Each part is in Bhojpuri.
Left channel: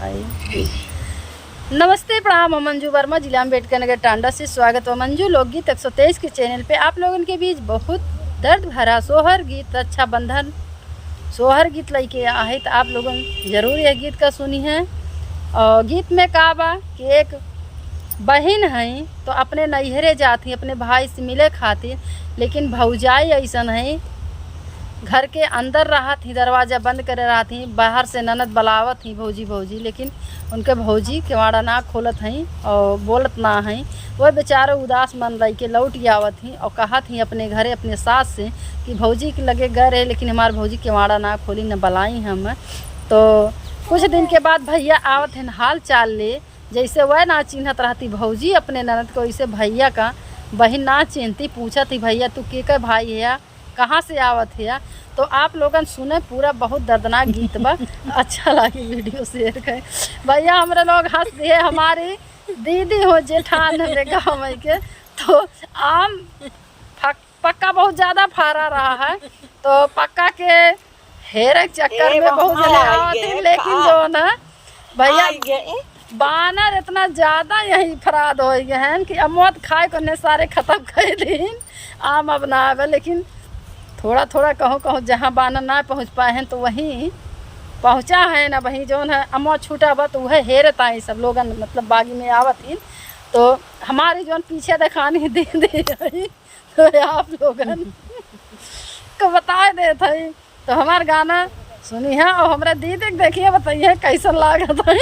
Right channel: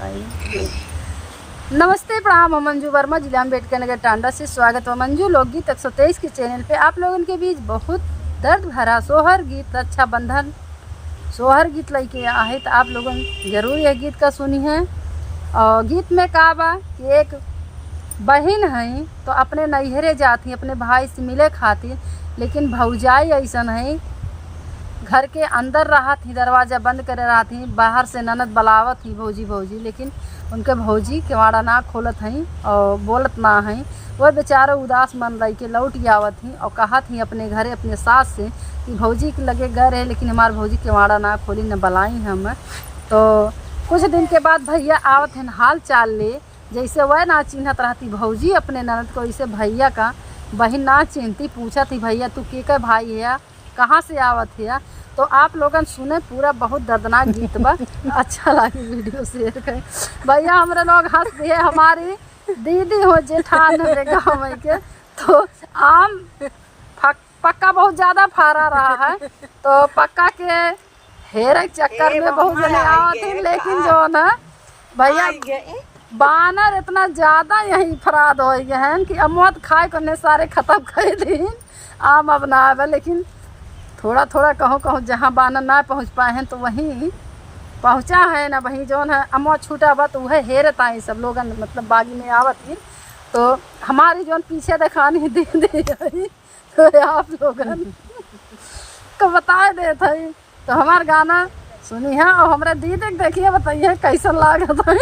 भाई नमस्ते, प्रणाम। हम मंजू वर्मा, जिला अम्बेडकर नगर टांडा से स्वागत है। मंजू लोकगीत 123 के चैनल पे आप लोगों के बीच बहुत दर्द भरा सोहर गीत, रक्षाबंधन सोहर गीत लेके आए। तो आप लोगों जरूर यह गीत का सुनी है। और गीत में का बा कि एक बहन है तो अपने नैहरे जाती अपने भाई से मिले खातिर, लेकिन भौजाई ऐसा है घर के अंदर रहा थी, दरवाज़ा बंद करे रहा थी, बाहर से ननद बुलावत थी भौजी भौजी, लेकिन उनके भौजी केवाड़ा ना खोलत हैं और बोलत ना हैं। वह बेचारे उदास मन रही के लौट आवत थी और कहा थी अपने घरे अपने सास से कि भौजी के लगे गए रहे, लेकिन हमारे भौजी केवाड़ा ना खोली न बुलाई हम। तो कुछ दिन के बाद भैया आवत हैं हाल चाल ले, जैसे वह ना चिन्हत रहती भौजी अपने ननद को, वैसे भैया का बहन ना चिन्हती, पूछा थी भैया तू के भाई है, कहाँ से आवत है। तो आप लोगन सुने पूरा, बहुत दर्दनाक गीत बा। अच्छा लगी वीडियो शेयर करें भैया। हमारे लोग हंस दिए, हमारी दीदी हो जेठान हमारे गाँव में के, तो आम पक्का बहुत ज़्यादा फरा रहा है, तो पक्का के हेरे चक्कर में बहुत जने आवत थे, लेकिन जो ना भैया बानर इतना ज़्यादा यही फराद हो गए हैं कि अमौत खाए को सारे ख़त्म कर दिन आम अब ना आवे, लेकिन थोड़ा थोड़ा कहो जहाँ बानर ना पहुँच पाए हैं तो वहीं पहुँचा है ना। वहीं जो है अमो छूटा बा तो वह हेरता है सब लोग, मतलब बागी में आवत ही। तो हमारी जो पीछे दिखानी दे तो आप लोगन को बता देते हैं। तो हमार गाना सुनी है और हमारे दीदी देखिए, बताइए कैसा लागत है।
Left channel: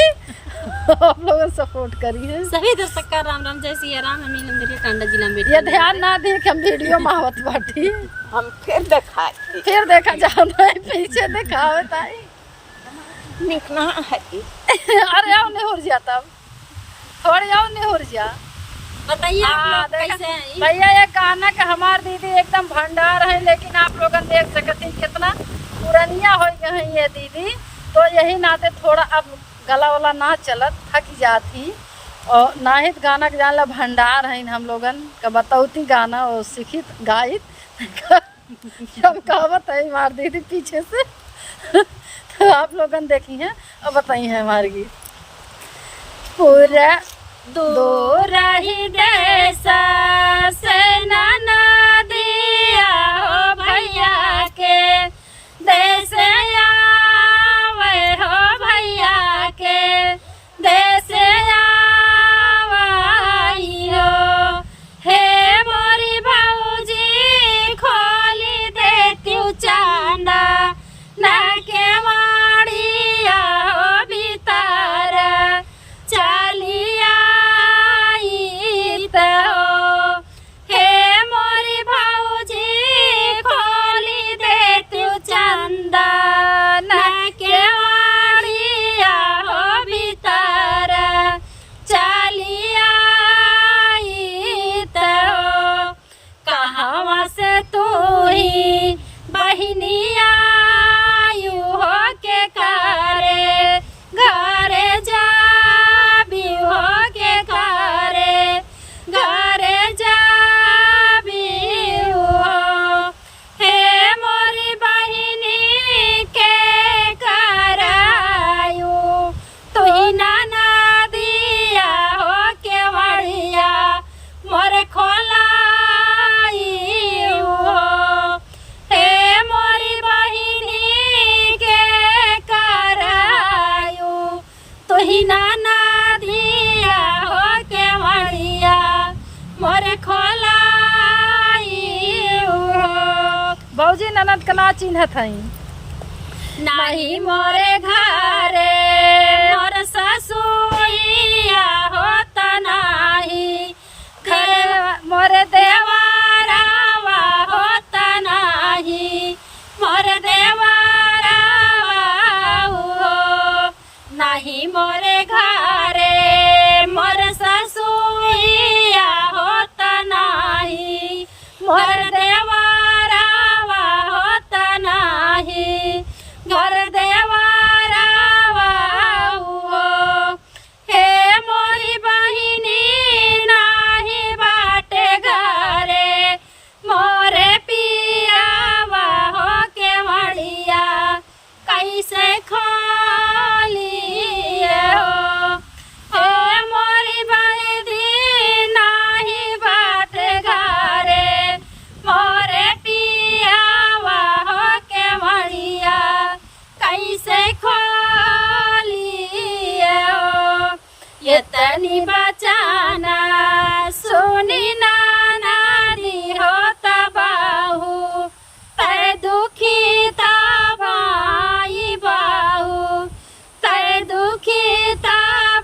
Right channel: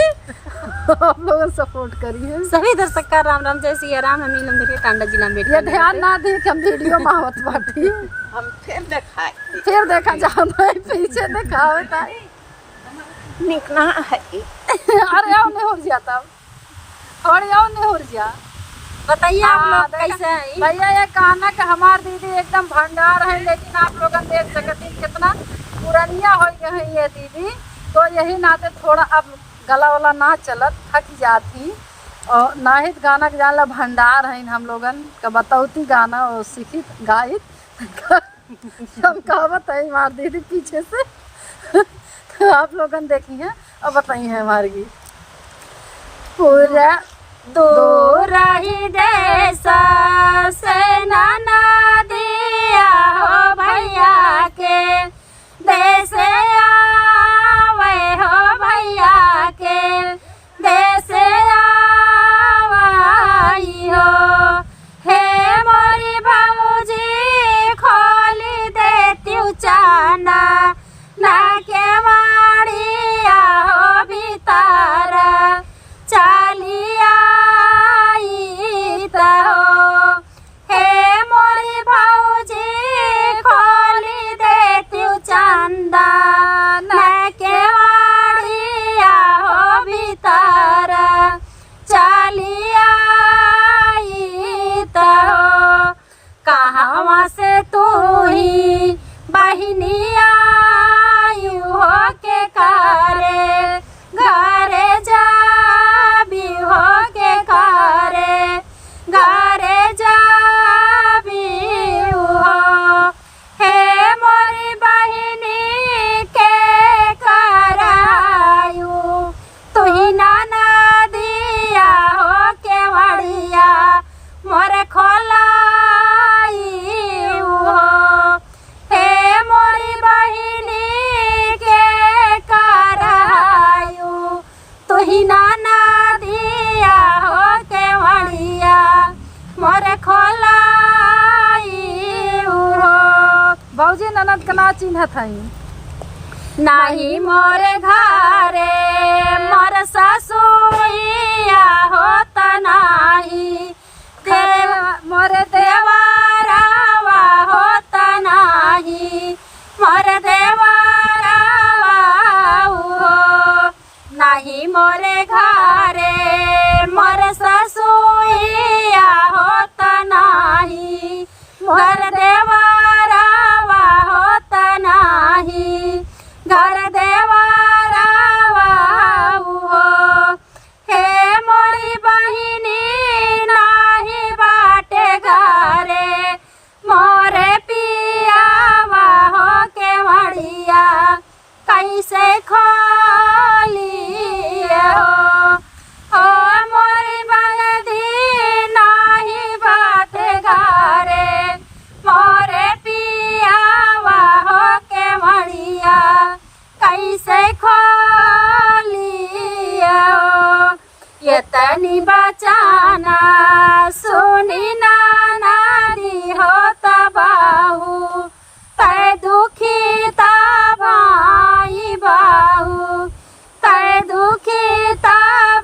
आप लोग सपोर्ट करिए। सभी दर्शक का राम राम, जय सिया राम। हम नीलम टांडा जिला में ये ध्यान ना दे कि हम वीडियो में आवत बाटी, हम फिर देखा जाता है, पीछे दिखावत है निकना है। अरे आओ नहीं हो जाता, थोड़ी आओ नहीं हो जा। बताइए आप लोग कैसे हैं? भैया ये गाना का हमार दीदी एकदम भंडार है, लेकिन आप लोग देख सकते हैं कितना पुरानिया हो गए हैं ये दीदी। तो यही नाते थोड़ा अब गला वाला ना चलत, थक जाती और ना ही गाना के जानला भंडार है हम लोगन का बतौती गाना और सीखित गायित हम कहावत है हमार दीदी पीछे से। तो आप लोगन देखी हैं और बताई हैं हमारी गीत पूरा दूर ही देसा से नाना दिया हो भैया के देश आवे हो भैया के देश आवाई हो। हे मोरी भौजी खोली देती चांदा ना के माड़िया हो भीतर चालिया हो। हे मोरी भौजी खोली देती चांदा ना के माड़िया हो भीतर चालिया हो। कहाँ से तू ही बहनिया हो के कारे घरे जा भी हो के कारे घरे जा भी हो। हे मोरी बहनी के करायू तू ही नाना दिया हो के वड़िया मोरे खोलाई हो। हे मोरी बहनी के करायू तू ही नाना दिया हो के वड़िया मोरे खोलाई हो। भौजी ननद का ना चिन्हत है नहीं मोरे घरे मोर ससुइया होता नाही घरे मोरे देवरावा होता नाही मोरे देवरावा हो। नहीं मोरे घरे मोर ससुइया होता नाही मोर देवरावा होता नाही घर देवरावा हो। हे मोरी बहिनी नाही बाटे घरे मोरे पियावा हो के वड़िया कैसे खोलिया तनी बचाना सुनी ना नारी हो तबाहू तय दुखी ता भाई बाहू तय दुखी ता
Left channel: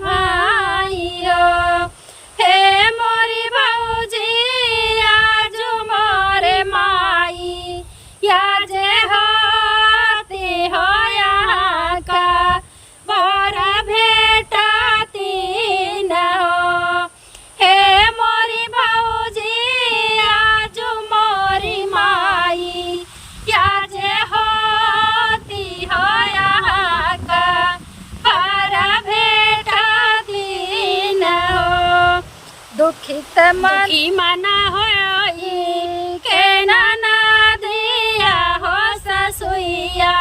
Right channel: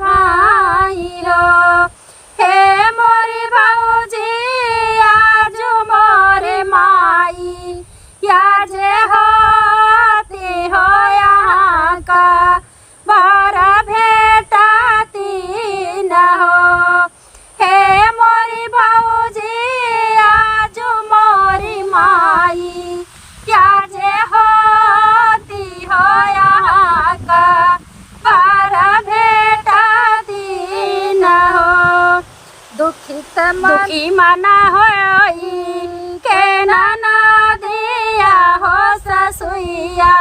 भाई हो हे मोरी भौजी आज मोरे माई या जे होती हो यहाँ का बारा भेटाती न हो हे मोरी भौजी आज मोरी माई या जे होती हो यहाँ का बारा भेटाती न हो दुखित मन दुखी मना होई के नाना दिया हो ससुइया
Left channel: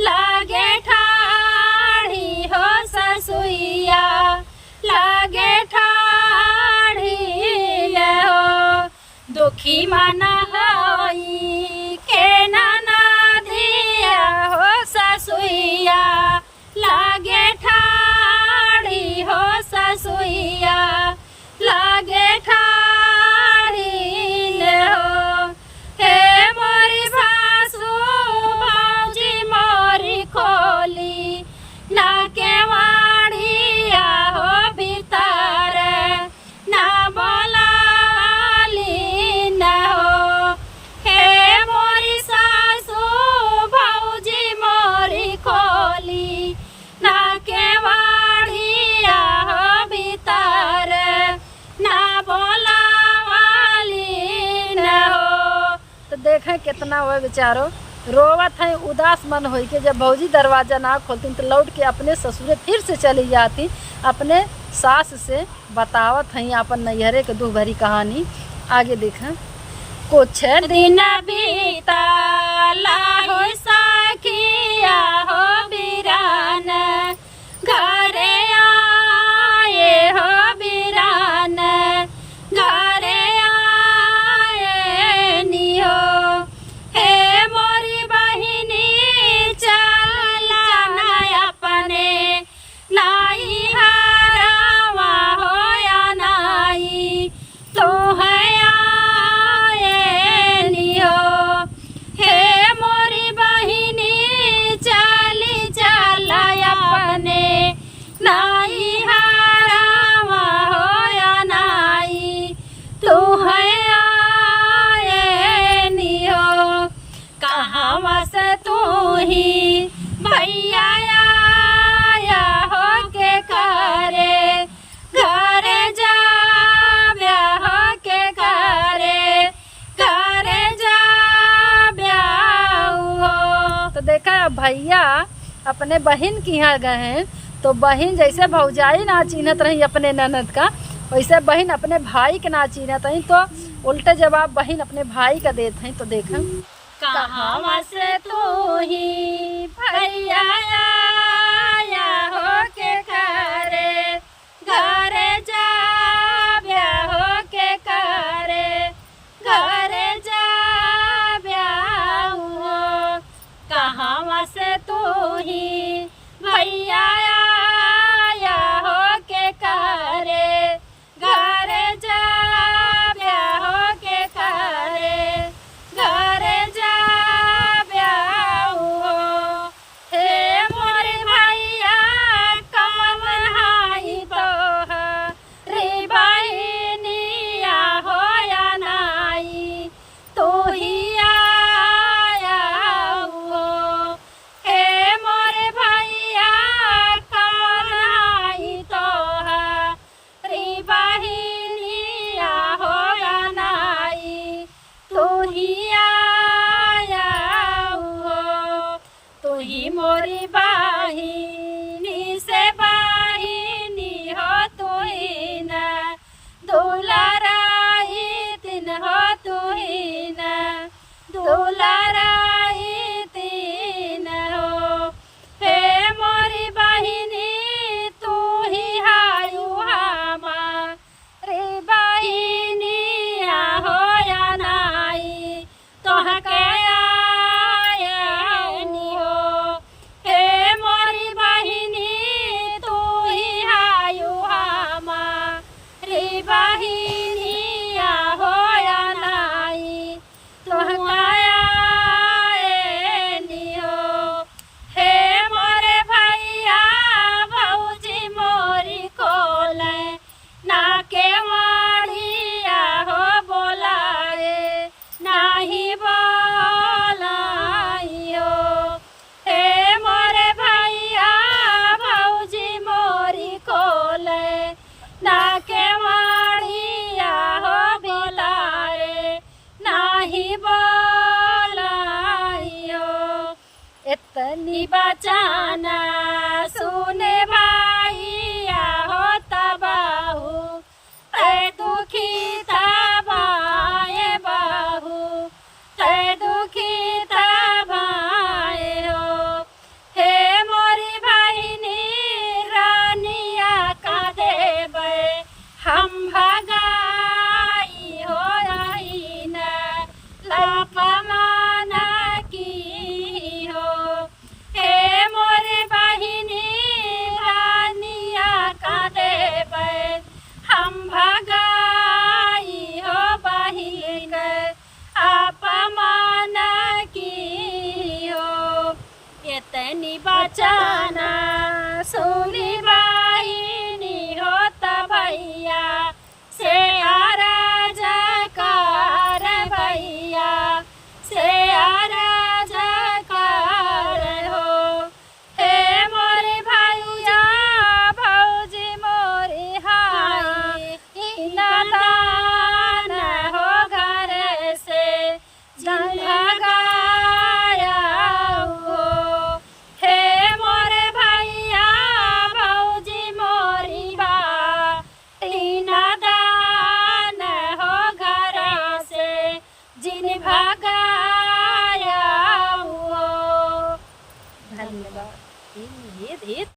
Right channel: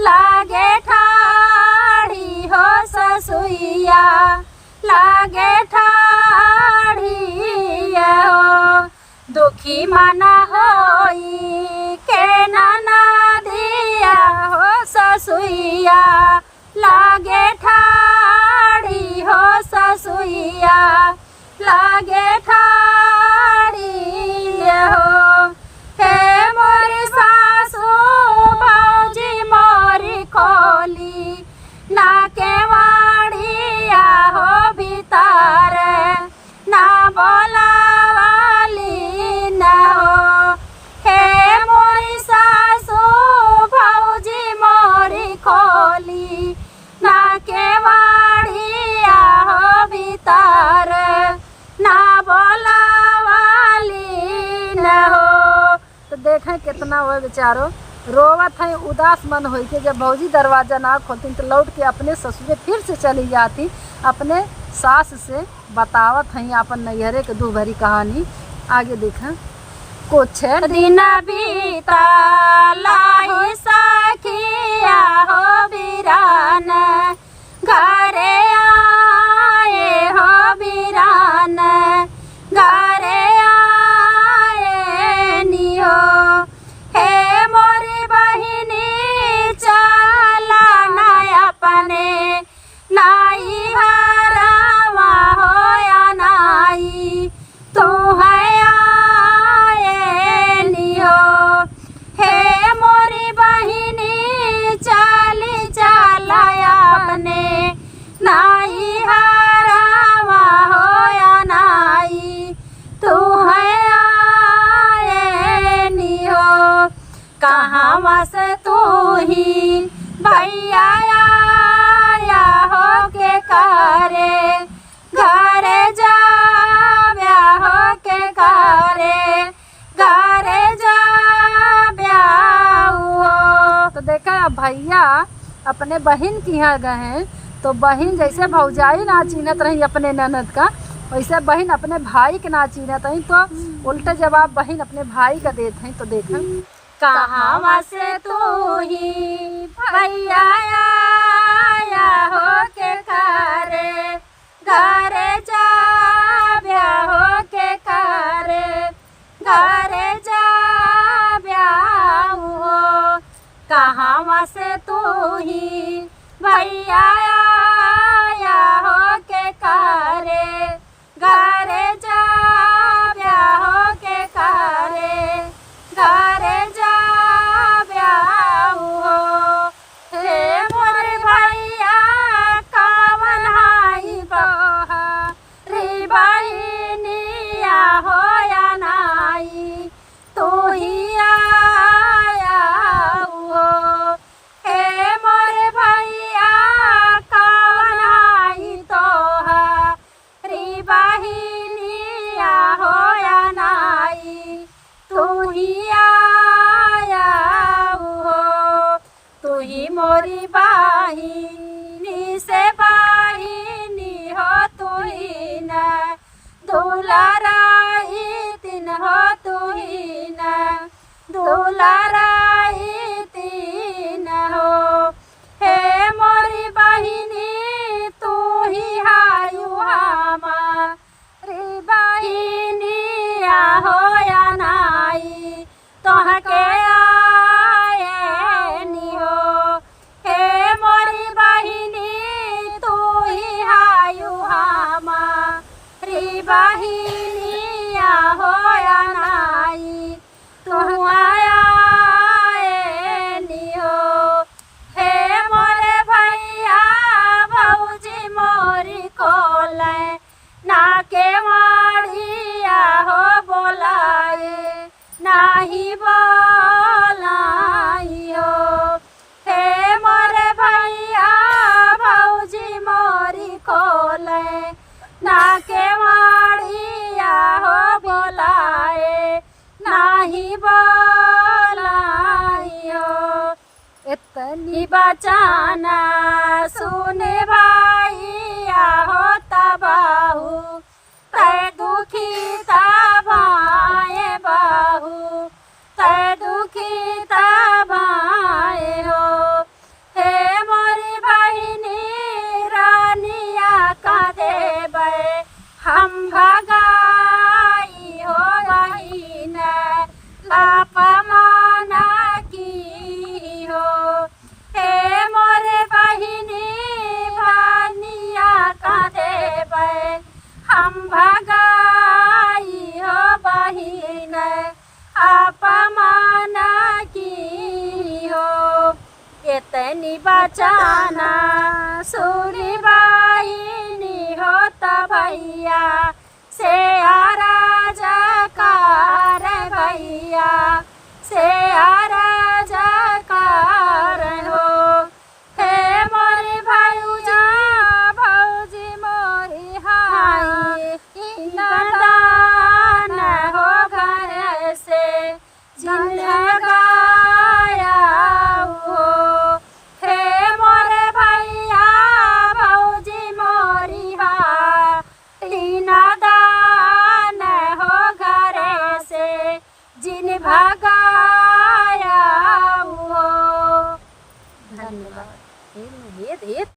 लागे ठाड़ी हो ससुइया लागे ठाड़ी हो दुखी मना होई के नाना दिया हो ससुइया लागे ठाड़ी हो ससुइया लागे ठाड़ी हो हे मोरी सासू भौजी मोरी खोली ना के वाड़िया हो भीतर ना बोलावाली न हो हे मोरी सासू भौजी मोरी खोली ना के वाड़िया हो भीतर ना बोलावाली न हो तो देखें कितना हुआ बेचारो रोवत है उदास मन होई के जब भौजी दरवाजा ना खोलती तो लौट के अपने ससुरे फिर से चली जाती अपने सास से बतावत हैं अपन नैहरे के दुख भरी कहानी। आगे देखें कुछ दिन बीता लाही सखिया हो बीरान घरे आए हो बीरान घरे आए नियो हे मोरी बहिनी चला नया पने नाई हरावा हो या नाई तो है आए नियो हे मोरी बहिनी चली चला अपने नाई हरावा हो या नाई तू है आए नियो कहाँ से तू ही भैया आया हो के करे घरे जा हो के करे घरे जा हो तो देखा अब भैया अपने बहन के यहाँ गए हैं तो बहन जैसे भौजाई ना चिन्हत रही अपने ननद का वैसे बहन अपने भाई के ना चिन्हत रही तो उल्टे जवाब बहन अपने भाई का देते हैं। तो देखा कहाँ से तू ही भैया आया हो के करे घरे जा हो के करे घरे जा हो कहाँ से तू ही भैया आया हो के करे घरे जा हो के करे घरे जा हो हे मोरे भैया कावन हाई तोहा रे बहिनिया हो या नाई तू ही आया हो हे मोरे तनी बचाना सुने भैया हो तबाहू तै दुखी तबाए बाहू तै दुखी तबाए हो हे मोरी बहिनी रानिया का देबै हम भगाई हो बहिन लापमाना की हो हे मोरे बहिनी रानिया का देबै हम भगाई हो बहिन अपमान की हो इतनी बचाना सुनी बहिनी हो भैया से राजकार भैया से राजकार हो हे मोरे भैया भौजी मोरी हाय दान हो घर से गाया हो हे मोरे भैया भौजी मोरी दान हो घर से जिन भगाया हो। धन्यवाद।